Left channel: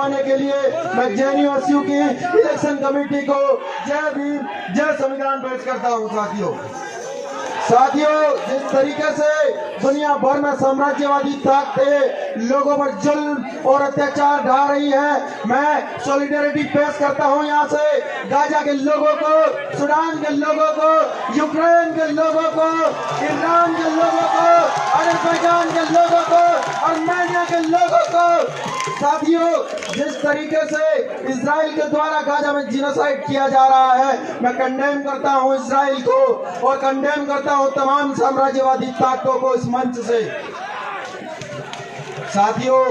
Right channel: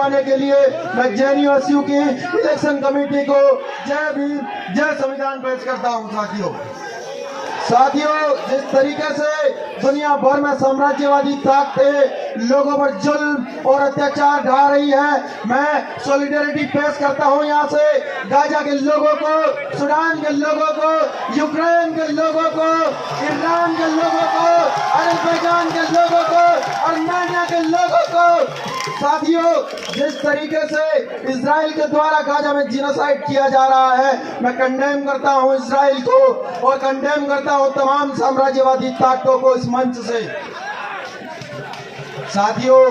आने के लिए मैं जेएनयू की इलेक्शन कमेटी को जय भीम जय संविधान पेश करता हूं। साथियों, जिस तरीके से दुनिया भर में साम्राज्यवादी ताकतें लोगों पर जुल्म और अत्याचार ढा रही है, मैं सॉलिडेरिटी पेश करता हूं यहाँ से गाजा के लोगों को, सूडान के लोगों को, यूक्रेन के लोगों को, ईरान के लोगों को, अजरबैजान के लोगों को, आर्मेनिया के लोगों को। साथियों, जिस तरीके से इजराइल के द्वारा गाजा में जिनोसाइड किया जा रहा है, मैं कंडेम करता हूं इजराइल को और कंडेम करता हूं तमाम साम्राज्यवादी ताकतों को इस मंच से। साथियों,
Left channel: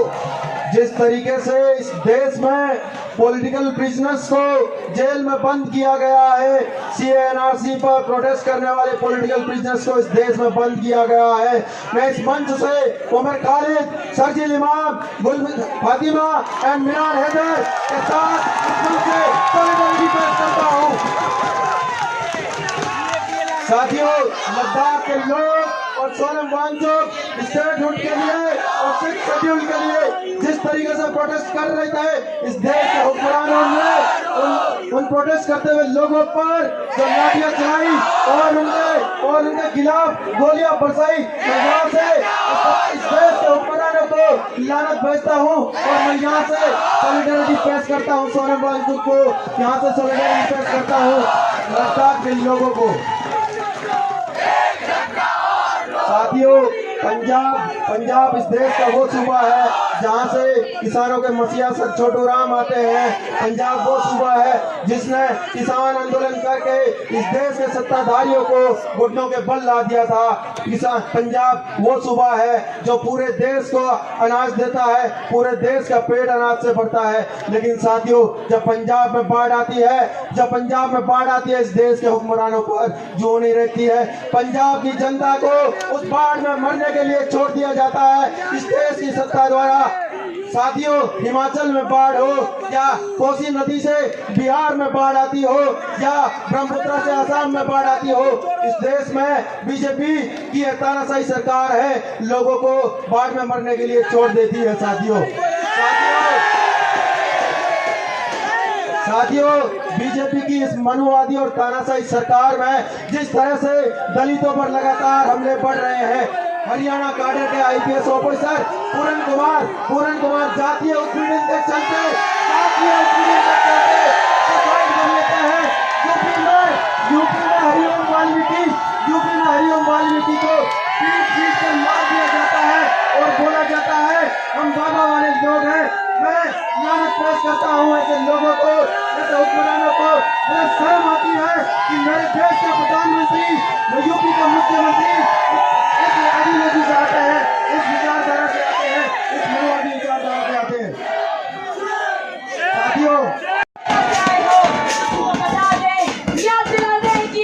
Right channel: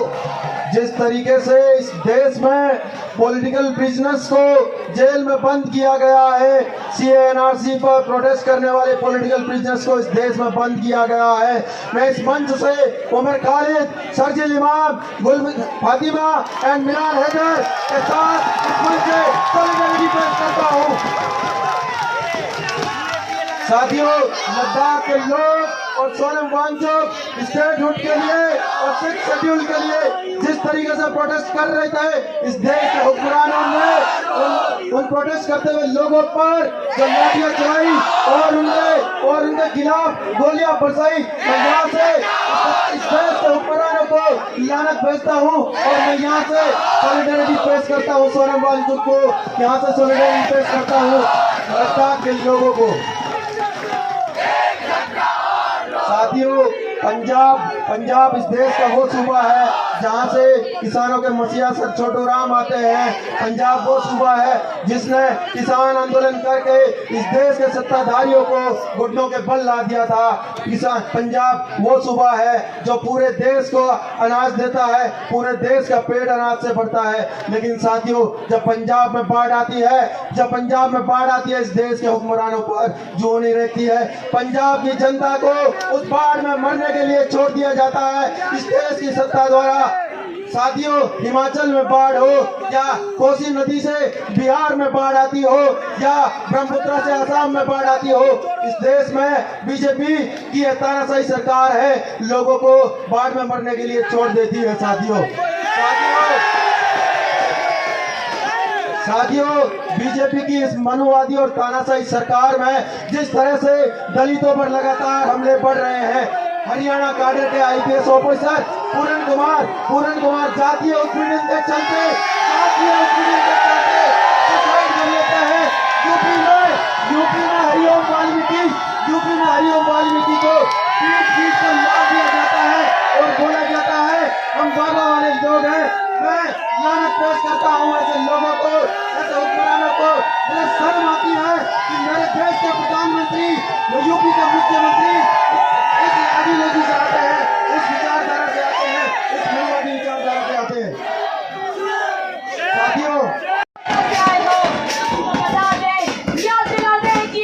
जिस तरीके से इस देश में पॉलिटिकल प्रिजनर्स को जेल में बंद किया गया है, सीएनआरसी पर प्रोटेस्ट करने वाले पॉलिटिकल प्रिजनर्स को इस देश में बंद किया गया है, मैं इस मंच से उमर खालिद, शर्जील इमाम, फातिमा एंड मिनार हैदर के साथ इस मंच से सॉलिडेरिटी पेश करता हूं। साथियों, लद्दाख के लोग और सोनम वांगचुक स्टेटहुड के लिए और 6 शेड्यूल के लिए जिस तरीके से प्रोटेस्ट कर रहे थे, इस देश के हुक्मरानों ने उन प्रोटेस्ट करते हुए लोगों पर जो लाठियां चलाई और उनके खिलाफ गोलियां बरसाई, मैं यहाँ से इस देश के हुक्मरानों को लानत भेजता हूँ और मैं यहाँ से सॉलिडेरिटी पेश करता हूँ सोनम वांगचुक को, यहाँ से सॉलिडेरिटी पेश करता हूँ लद्दाख के लोगों को। साथियों, पंजाब इस देश का वो सूबा है जहां से किसानों के मसीहा सर छोटू राम आते हैं। पंजाब वो सूबा है जिसने किसान आंदोलन करके इस देश के सत्ताधारियों को घुटनों के बल ला दिया था। पंजाब वो सूबा है जो पूरे देश को अनाज देता है, पूरे देश का पेट अनाज से भरता है। लेकिन साथियों, जब पंजाब में बाढ़ आती है, इस देश के हुक्मरानों पर जो नहीं रहती है, पंजाब की जनता को उस बाढ़ में मरने के लिए छोड़ दिया जाता है इस देश की सत्ता द्वारा। साथियों, हिमाचल में बाढ़ हो या कोसी नदी से बिहार में बाढ़ आती हो या ब्रह्मपुत्र से असम में बाढ़ आती हो, इस देश में बीजेपी की तानाशाही सरकार है, लोगों को बाढ़ में मरने के लिए छोड़ देती है। साथियों, बीजेपी की इस मनुवादी और तानाशाही सरकार में जिस तरह से दलितों पर लगातार हमले बढ़ रहे हैं, हरियाणा काडर के आईपीएस ऑफिसर पूरन कुमार जातीय उत्पीड़न के चलते यूपी में हरिओम वाल्मीकि को पीट कर मार दिया जाता है और बोला जाता है हम बाबा वाले लोग हैं। मैं लानत पेश करता हूँ ऐसे लोगों को, ऐसे हुक्मरानों को। मुझे शर्म आती है कि मेरे देश के प्रधानमंत्री, यूपी के मुख्यमंत्री इस आदिवासी से आते हैं, इस विचारधारा से आते हैं, इस माओवादी विचारधारा से आते हैं। साथियों, बता दें, याद दिला दें कि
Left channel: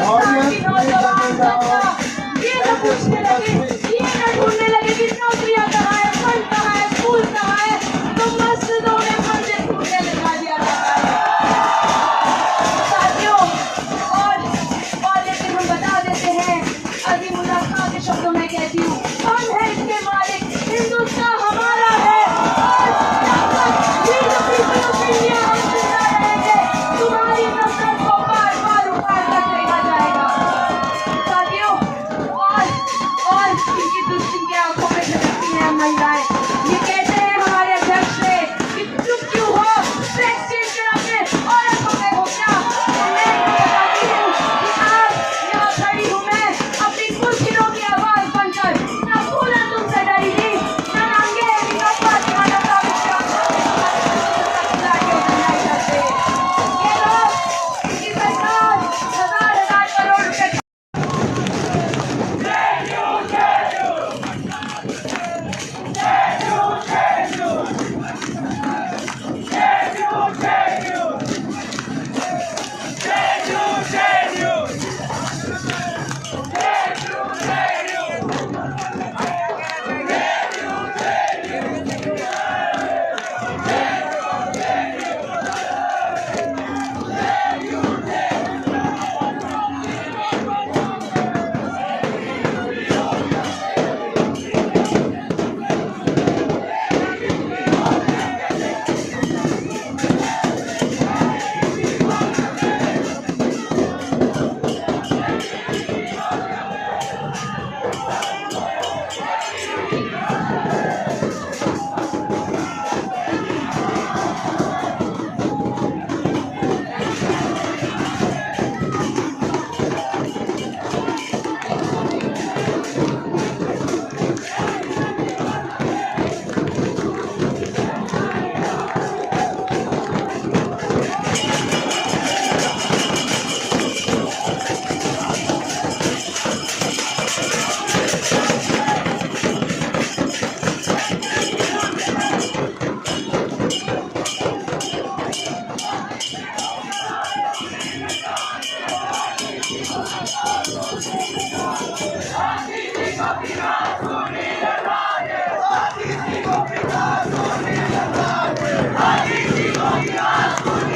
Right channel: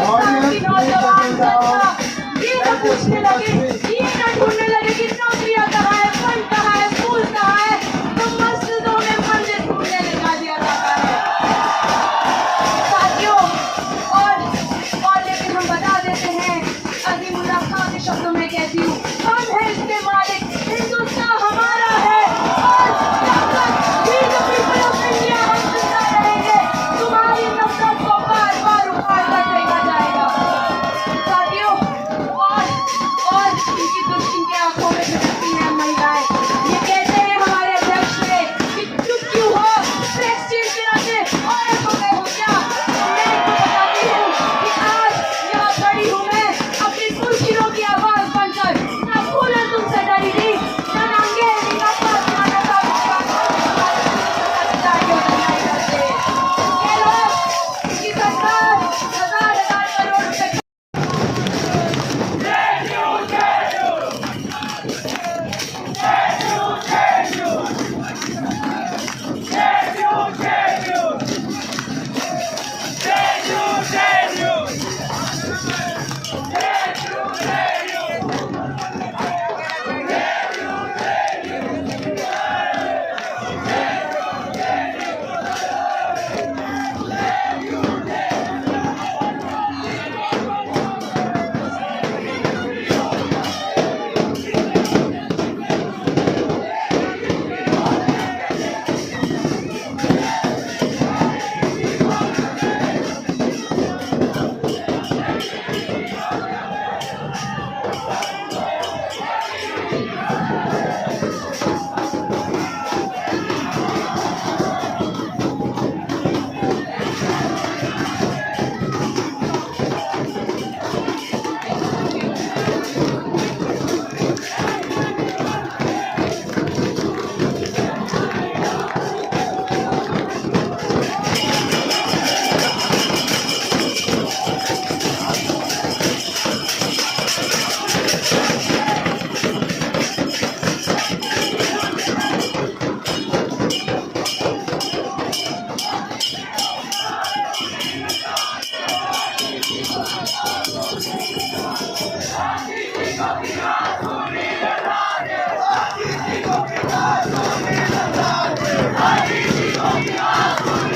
हिंदुस्तान की नौजवान जनता ये न पूछने लगे, ये न ढूंढने लगे कि नौकरियां कहाँ है, फल कहाँ है, फूल कहाँ है, तो मस्जिदों में मंदिर ढूंढने लगा दिया जाता है साथियों। और लेकिन हम बता देते हैं, अज़ीमुल्लाह खां के शब्दों में कहती हूँ, हम है इसके मालिक, हिंदुस्तान हमारा है और जब तक we the people of India हम जिंदा रहेंगे, तुम्हारी नफरत को बार बार उखाड़ कर फेंका जाएगा साथियों। और इनकी आंखों में झलकती हैं महिलाएं, ये कहते हैं हमारे अध्यक्ष से कि चुप क्यों हो, प्रेसिडेंट के नाते औरत हो गए हो क्या। मैं बताती हूँ कि आज यहाँ खड़ी हूँ मैं अपनी कुर्सियों की आवाज बनकर, ना फूला तुमसे डरी थी, ना नंगे नीलों पर दीवाना का विश्वास ये लोग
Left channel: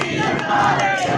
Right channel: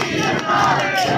की सरकार हजार करोड़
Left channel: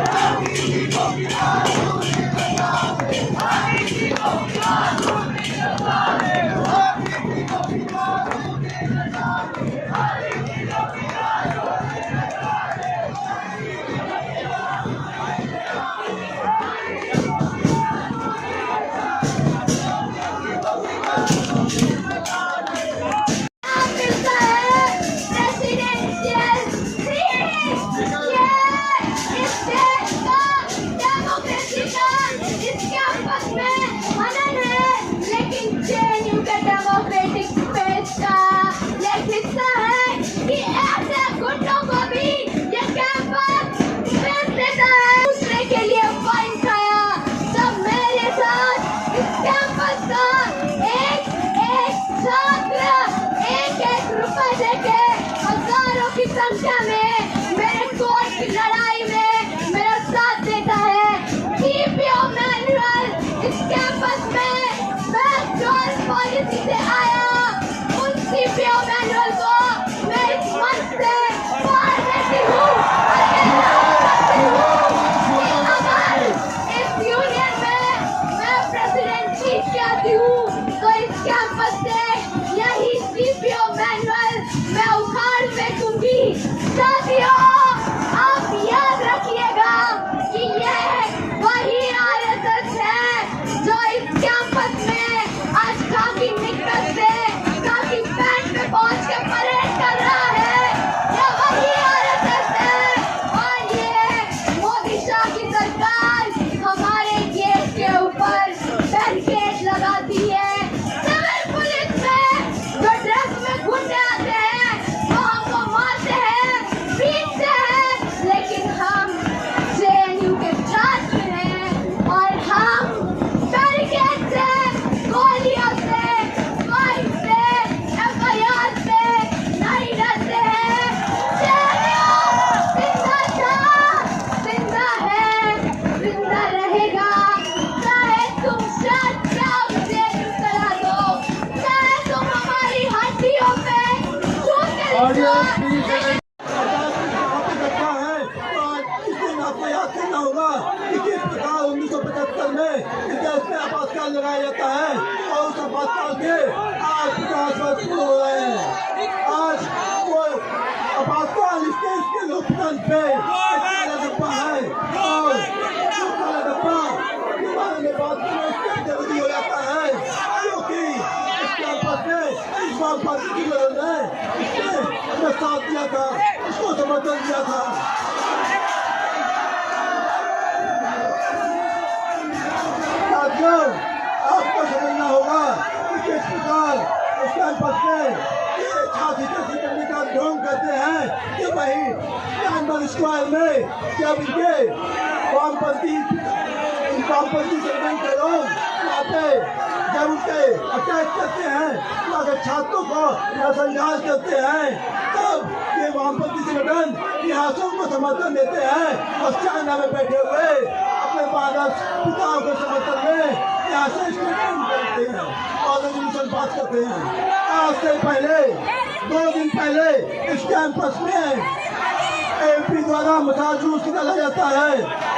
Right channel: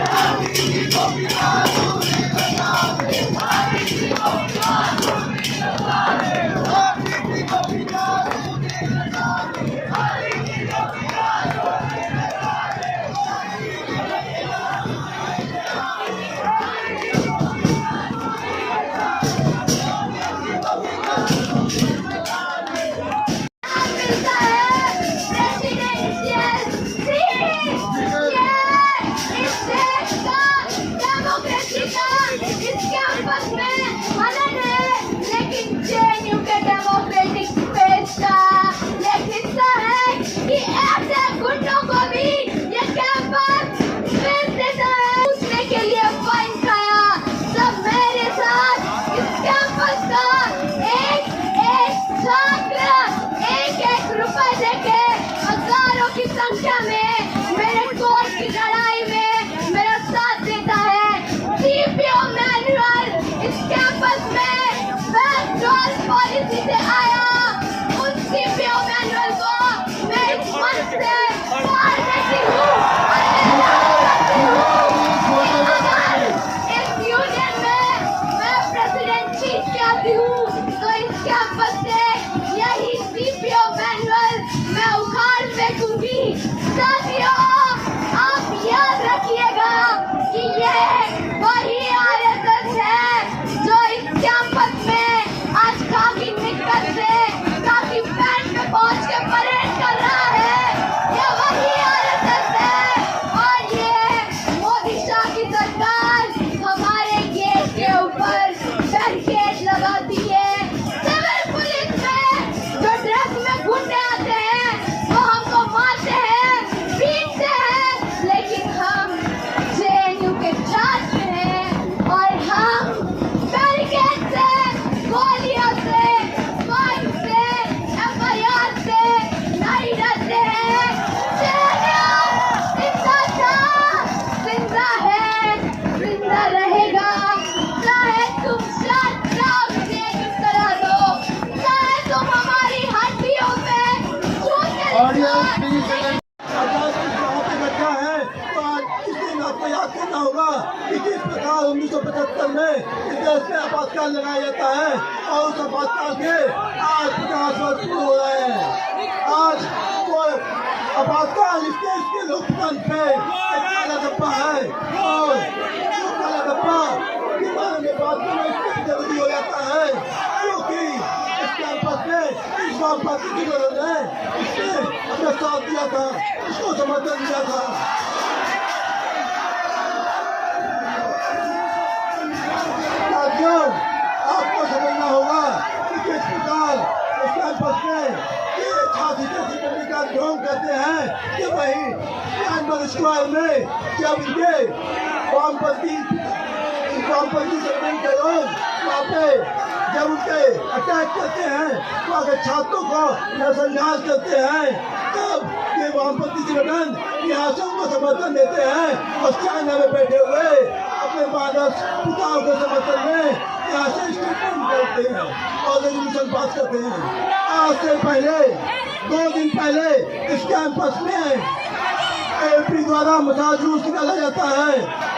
रुपए की संख्या में मेरे कोर्ट की लड़ाई में मेरा साथ देता है। सीपीओ मैनुअल इस कैंपस में बैकडोर पॉलिसी से आया, उन सीपीओ मैनुअल को मैं इस मंच से फाड़ देती हूँ और ऐलान करती हूँ कि अगर इस यूनियन में मैं प्रेसिडेंट चीफ से आती हूँ तो इस कैंपस से यही सीपीओ मैनुअल मैं उखाड़ फेंकूंगी। साथियों, आप याद में इस देश में आपातकाल लगाया जाता है और उस आपातकाल के आज 50 वर्ष पूरे हो रहे हैं। आज वो आपातकाल इस देश के लोकतंत्र पे एक काला डब्बा है और जो काला डब्बा किसानों के बाद में इसलिए जरूरी हो जाता है क्योंकि इस कैंपस में इस बार पार्टी की मदद है उसने अपना साथ दिया था, उसको समर्थन दिया था। साथियों, आपको समझना होगा कि किस प्रकार इस कैंपस में ये छाती करने का ढोंग करते हैं कि वही म्यांमार स्क्वायर में जब इनके वामपंथी संगठन के लोग वहाँ पे जब उनके अटैक करते हैं वहाँ के छात्रों को नजरअंदाज करते हैं तब ये वामपंथी संगठन यहाँ को समर्थन देते हैं और चाइना में बैठे हुए अपने मानस पिताओं के समर्थन में यहाँ से स्टेटमेंट करते हैं और रेजोल्यूशन पास करते हैं। आज से पहले 2 दिन पहले इस कैंपस में एमपी द्वारा मसाज जुलूस निकाला जाता है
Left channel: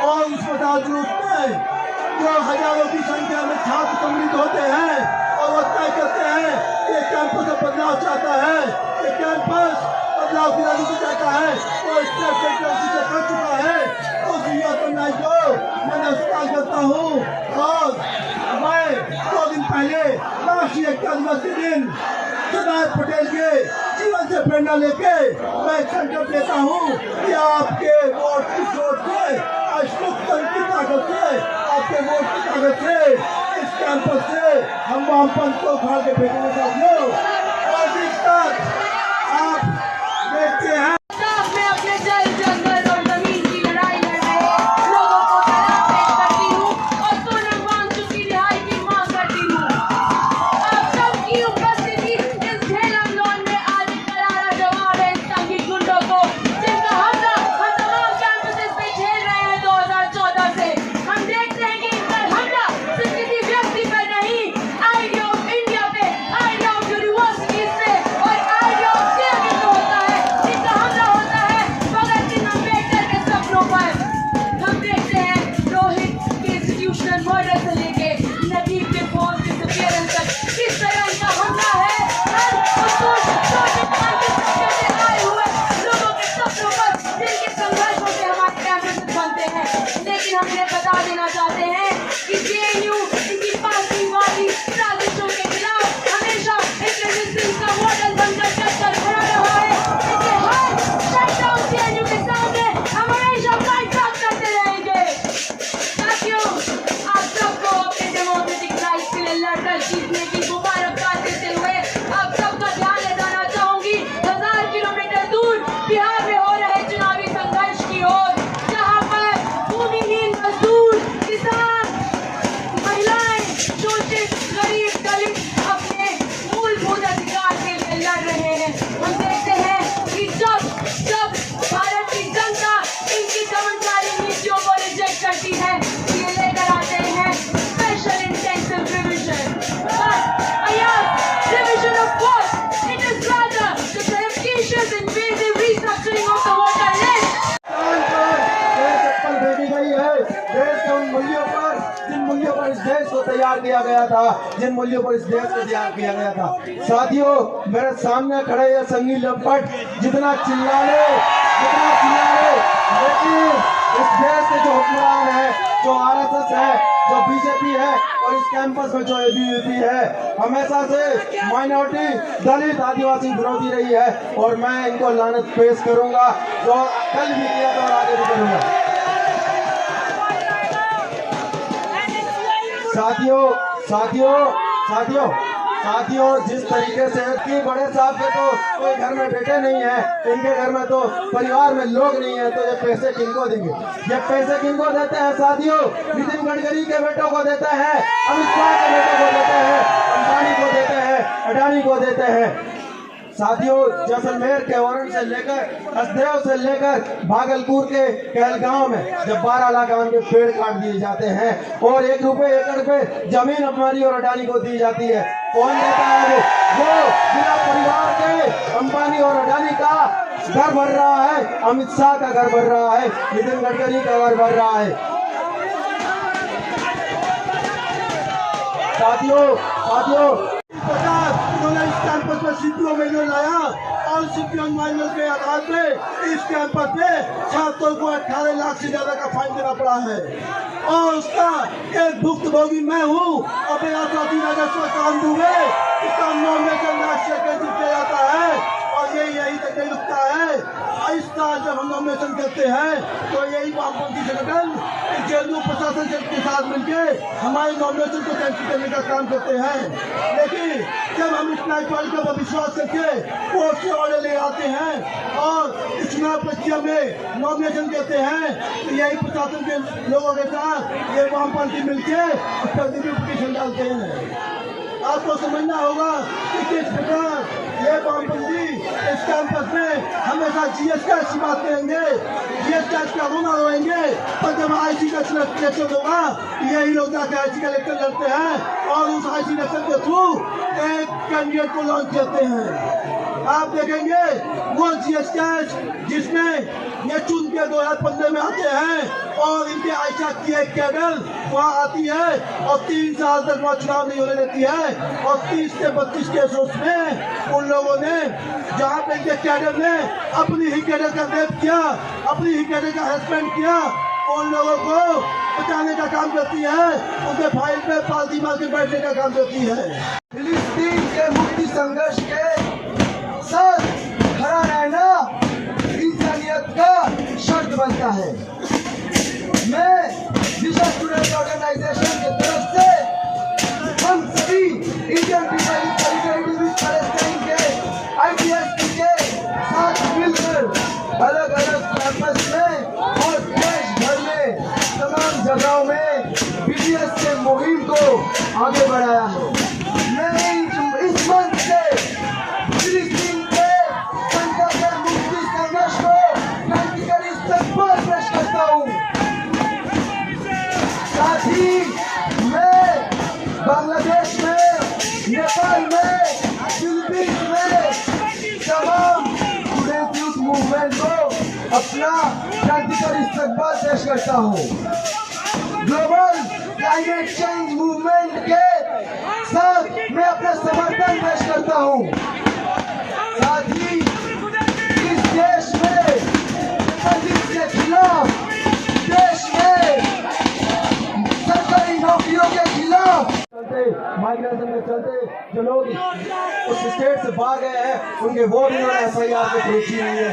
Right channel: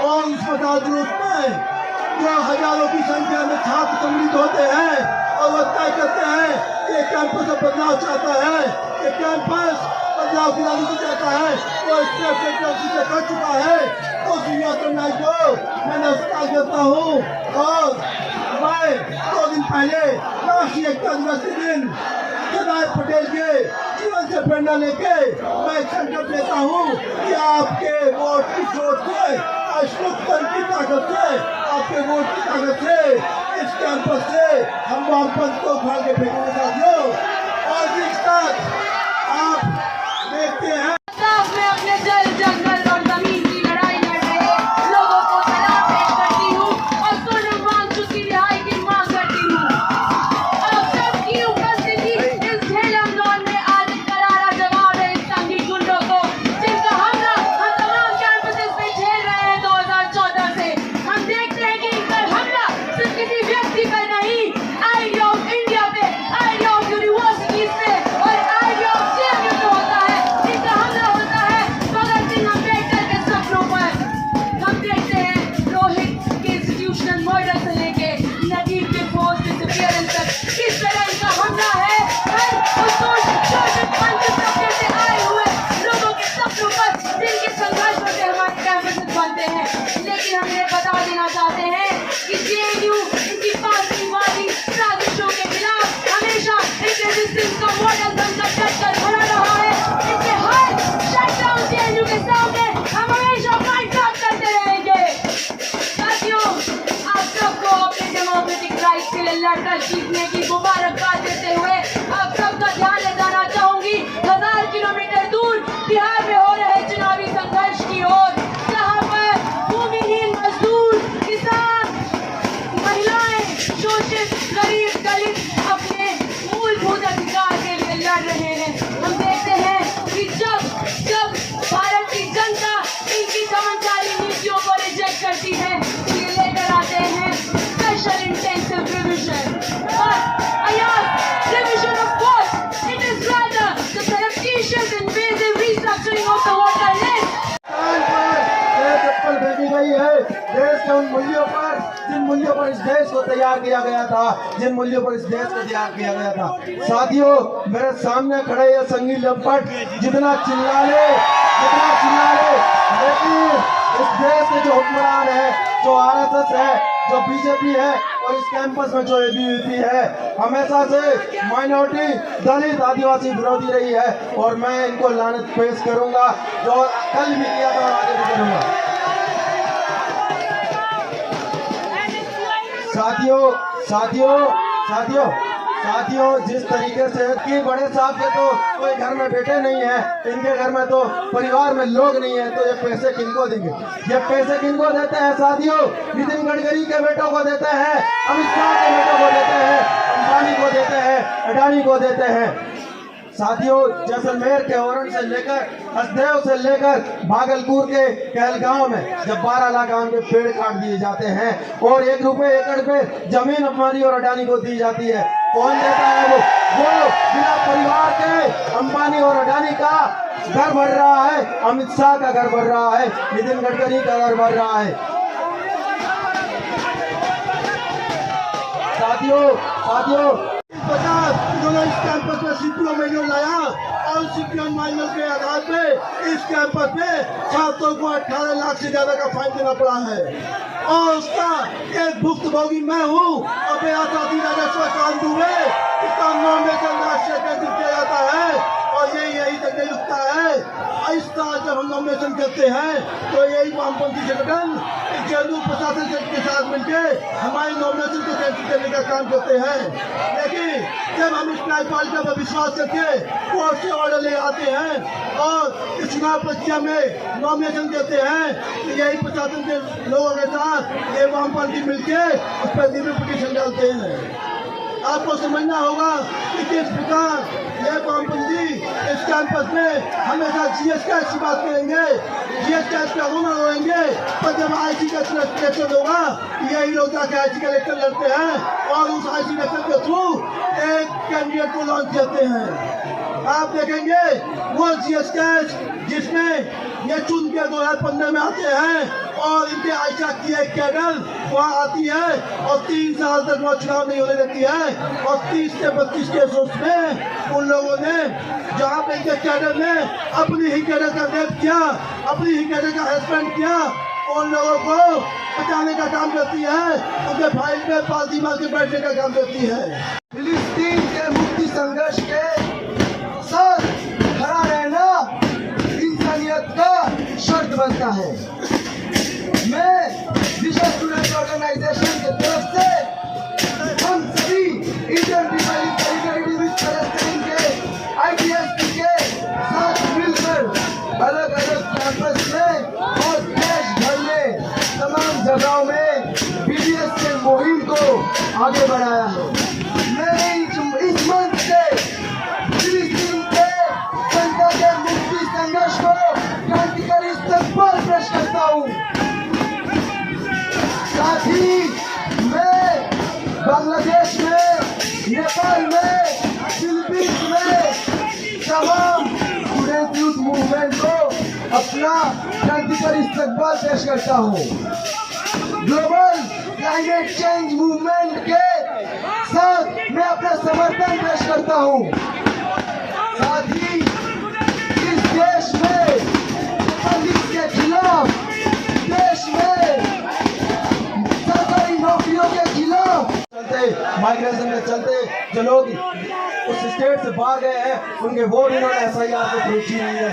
और इस मसाज जुलूस में जो हजारों की संख्या में छात्र सम्मिलित होते हैं और वो तय करते हैं कि कैंपस में बदलाव चाहता है, ये कैंपस बदलाव की राजनीति चाहता है, वो स्टेट से कर चुका है। उस युवा को मैं नमस्कार करता हूँ और मैं 2 दिन पहले राष्ट्रीय एकता दिवस के दिन सरदार पटेल के जीवन से प्रेरणा लेके मैं संकल्प लेता हूँ कि आपके वोट की सोच से अशुद्धन की ताकत से आपके वोट की ताकत से इस कैंपस से हम वामपंथ को उखाड़ के फेंकने साथियों। और इस साथ आप देखते हैं में अपने जल जंगल और जमीन की लड़ाई लड़ रहे लोगों को सलाम पेश करती हूँ और सोनम वांगचुक की रिहाई की मांग करती हूँ। आप सबकी उपस्थिति इस झेलम लॉन में आज एक करारा जवाब है इस संघी गुंडों को जिनका हमला हम तमाम कैंपसेस पे झेल रहे हैं 2014 से। हम देखते हैं कि इनका हमला सिर्फ किसी व्यक्ति पर नहीं, आइडिया ऑफ इंडिया पे, आइडिया ऑफ यूनिवर्सिटीज पे और आइडिया ऑफ सीएम पे होता है। इनका हमला होता है भगत सिंह अम्बेडकर के सपनों पर। हम देखते हैं रोहित के इंस्टीट्यूशनल मर्डर से लेके नजीब के फोर्स डिसअपीयरेंस तक किस तरह इनका हमला है हर उस शोषित वंचित तबके से आए हुए लोगों के सपनों पर जिनके संघर्षों से हमारे कैंपसेस बनते हैं। लेकिन हम इन्हें बता देना चाहते हैं कि जेएनयू इनकी पार्टीवादी साजिशों के खिलाफ हमेशा एक रेजिस्टेंस का मॉडल बनकर डटकर खड़ा रहा है। इसलिए हर शटडाउन जेएनयू के सामने हम हमेशा फाइट बैक करते रहेंगे। साथियों, आप सबको अपने डेमोक्रेटिक राइट के लिए लड़कर जीतने की मुबारकबाद देते हुए आप सबका ध्यान ले जाना चाहूंगी 1000 किलोमीटर दूर बिहार में हो रहे चुनावी संघर्ष की ओर, जहां पर भूमिहीन मजदूर, किसान, महिलाएं, शोषित, गरीब, दलित अपने मूलभूत अधिकार के लिए लड़ रहे हैं। हम देखते हैं कि जब भारत की जनता इनकी दमनकारी नीतियों को रिजेक्ट करती है तो ये लेकर आते हैं special intensive revision. But I ask, revision of what? It is rather the surreptitious invasive restructuring of the voter list. चप्पल फेंकी गई है देश के उन मूल्यों पर जिन मूल्यों पर इस देश को तैयार किया गया था, जिन मूल्यों पर इस देश को तैयार किया गया था। साथियों, मेरे सामने खड़े ये संघी लंपट जितना चिल्ला ले लेकिन इस देश के जो हुक्मरान है, जो आरएसएस है, जो बीजेपी है और इस कैंपस में जो एबीवीपी है, हमेशा से माइनॉरिटी, दलित, आदिवासी विरोधी रही है और मैं इनको लानत पेश करूंगा जो कल भी किया था और आगे भी करूंगा। साथियों, जिस तरीके से कि बड़े साहब के तो कोई घर में बेटे नहीं है, इनके घर में तो परिवार में लोग नहीं है, तो ये पैसे किनको देंगे? ये पैसे किनको देते हैं साथियों? नितिन गडकरी के बेटों को देते हैं, अमित शाह के बेटों को देते हैं, अंबानी को देते हैं, अडानी को देते हैं। साथियों, जैसलमेर के औरंग से लेकर हसदेव से लेकर भागलपुर के कहलगांव में जब 12 लाख आम के पेड़ काट दिए जाते हैं और 1 रुपए एकड़ पे जमीन अंबानी और अडानी को दी जाती है, कौन देता है? वो जिला परिवार के अंबानी और अडानी का घर भर रहा है, अमित शाह का घर भर रहा है, नितिन गडकरी का घर भर रहा है। साथियों इस प्रकार इन्होंने इस कैंपस में सीपीओ मैनुअल लाया और सीपीओ मैनुअल के आधार पे इस कैंपस में छात्रों को 18 लाख से ज्यादा का फाइन देना पड़ा है और उसका एक भुक्तभोगी मैं हूँ और मेरा साथी राजस्व कान दुबे इसका नॉमिनेशन राष्ट्रीय केंद्र किया जाता है और यही तक नहीं रुकता है। इस तरह जब हम नॉमिनेशन करते हैं तो यही वामपंथी संगठन जेएनयू प्रशासन के साथ मिलकर हमारे नॉमिनेशन को कैंसिल करने का काम करते हैं, लेकिन जब हम इस न्यायपालिका पर विश्वास करके कोर्ट से ऑर्डर ले आते हैं और इस चुनाव प्रक्रिया में नॉमिनेशन करते हैं तो यही प्रशासन के लोगों के साथ ये वामपंथी मिलकर उस पर रिव्यू पिटीशन डालते हैं। आपको समझना होगा कि किस प्रकार ये वामपंथी इस कैंपस में हमेशा जीएस कैश की बात करेंगे, जीएस कैश का रोना रोएंगे, पर जब आईसी का इलेक्शन होगा यही लोग जाकर आईसी का इलेक्शन लड़ते हैं और उस आईसी इलेक्शन के थ्रू एक कैंडिडेट को लॉन्च करते हैं। आप देखेंगे वो जीएस कैश जिसमें ये चुन के 2015 में आते हैं और इनके आयशा की एक कैडर वहाँ आती है और 3 साल तक वहाँ चुनाव नहीं होने देती है और 30 से 32 केसों में उन लोगों ने जहाँ पे इनके कैडर ने अपनी ही कैडर का रेप किया, अपनी ही कैडर का हरासमेंट किया, उन लोगों को बचाने का काम करती है, उनके फाइल पे पालती मार के बैठने का काम करती है। फिलिस्तीन के मुक्ति संघर्ष के साथ खड़ा रहना इंसानियत का शर्त बनता है। मैं विश्व स्टूडेंट ऑर्गेनाइजेशन की तरफ से हम सभी Indian people in solidarity with Palestine के आईटीएसपी के साथ मिलकर अलग अलग कैंपस में और देश भर में तमाम जगहों में बीडीएस के मुहिम को आगे बढ़ाया है। मैं इस मंच से फिलिस्तीन के जनता के मुक्ति संघर्ष को क्रांतिकारी इस्तकबाल पेश करता हूँ। साथ ही मैं बांग्लादेश में, नेपाल में, फिलीपींस में तमाम स्टूडेंट यूथ मूवमेंट को अपना क्रांतिकारी इस्तकबाल पेश करता हूँ। ग्लोबल क्लाइमेट चेंज मूवमेंट के साथ मैं अपना समर्थन पेश करता हूँ। साथ ही इस देश में बंदिश के खिलाफ, देश में सरकारी नौकरियों के खिलाफ माइग्रेशन में चलते जो लोग उस स्टेट से भाग गए हैं उनके वोट इन्होंने एफआईआर के थ्रू छीन लिए।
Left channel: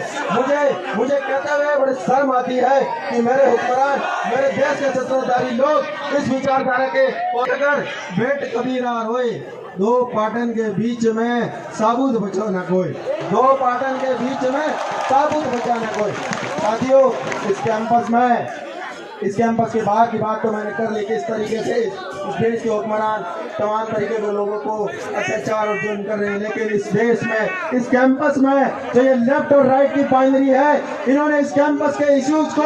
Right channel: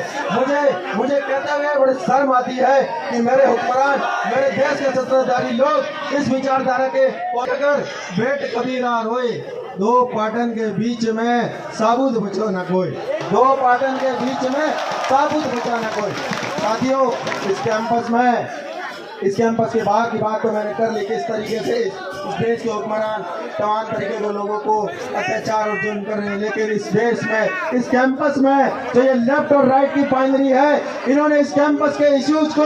मुझे कहते हुए बड़ी शर्म आती है कि मेरे हुक्मरान, मेरे देश के सत्ताधारी लोग इस विचारधारा के, और अगर भेंट कभी ना रोए दो पाटन के बीच में साबुत बचो ना कोई, दो पाटन के बीच में साबुत बचा ना कोई। साथियों, इस कैंपस के बाहर की बात तो मैंने कर ली, किस तरीके से इस देश के हुक्मरान तमाम तरीके के लोगों को अत्याचार और जुल्म कर रहे हैं, लेकिन इस देश में, इस कैंपस में जो ये लेफ्ट और राइट की बाइनरी है, इन्होंने इस कैंपस के इश्यूज को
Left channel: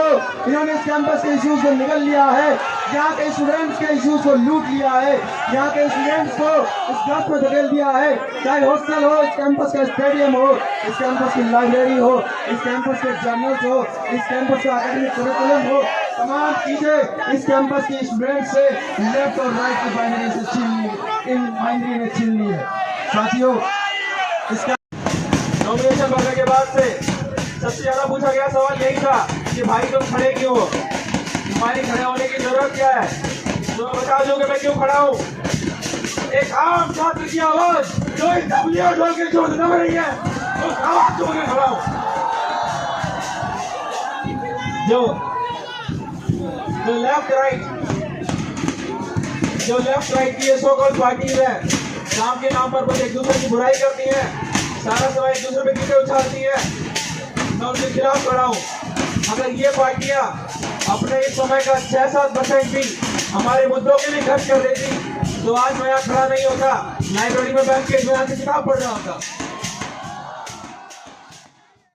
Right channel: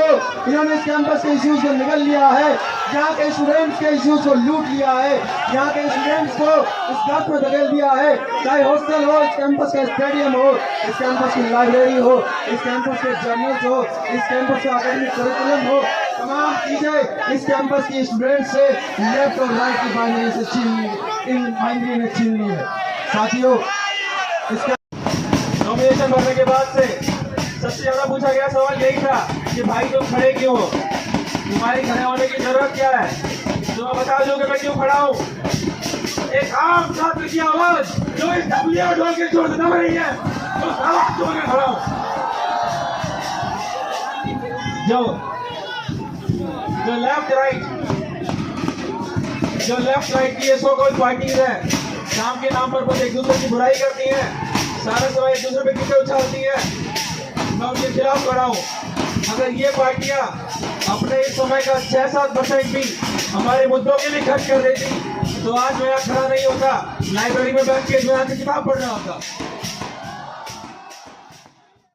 निगल लिया है। यहाँ के स्टूडेंट्स के इश्यूज को लूट लिया है, यहाँ के स्टूडेंट्स को इस बात में धकेल दिया है, चाहे हॉस्टल हो, इस कैंपस का स्टेडियम हो, इस कैंपस की लाइब्रेरी हो, इस कैंपस के जर्नल्स हो, इस कैंपस का एकेडमिक करिकुलम हो, तमाम चीजें इस कैंपस के स्टूडेंट से लेफ्ट और राइट की बाइनरी से छीन ली है। साथियों, इसका नॉमिनेशन भरने के बाद से सबसे ज्यादा पूछा गया सवाल यही था कि भाई तुम खड़े क्यों हो, तुम्हारी खड़े होने की जरूरत क्या है, तुम्हें बता दो कि मैं क्यों खड़ा हूँ। एक आम छात्र की आवाज जो इस डब्ल्यू ढोल के जोर दब रही है, उस आवाज को मैं खड़ा हूँ। जो लेफ्ट राइट की ये सो कॉल्ड पार्टीज है, काम के नाम पर एक दूसरे की बुराई करती है, सारा समय एक दूसरे पे कीचड़ उछालती है, मैं उनके खिलाफ खड़ा हूँ। अगर ये पार्टियां अपने इस समय का 6-7% भी हमारे मुद्दों के लिए खर्च कर देती तो आज मैं यहाँ खड़ा नहीं होता, लाइब्रेरी में बैठ के मैं यहाँ से किताब पढ़ रहा होता।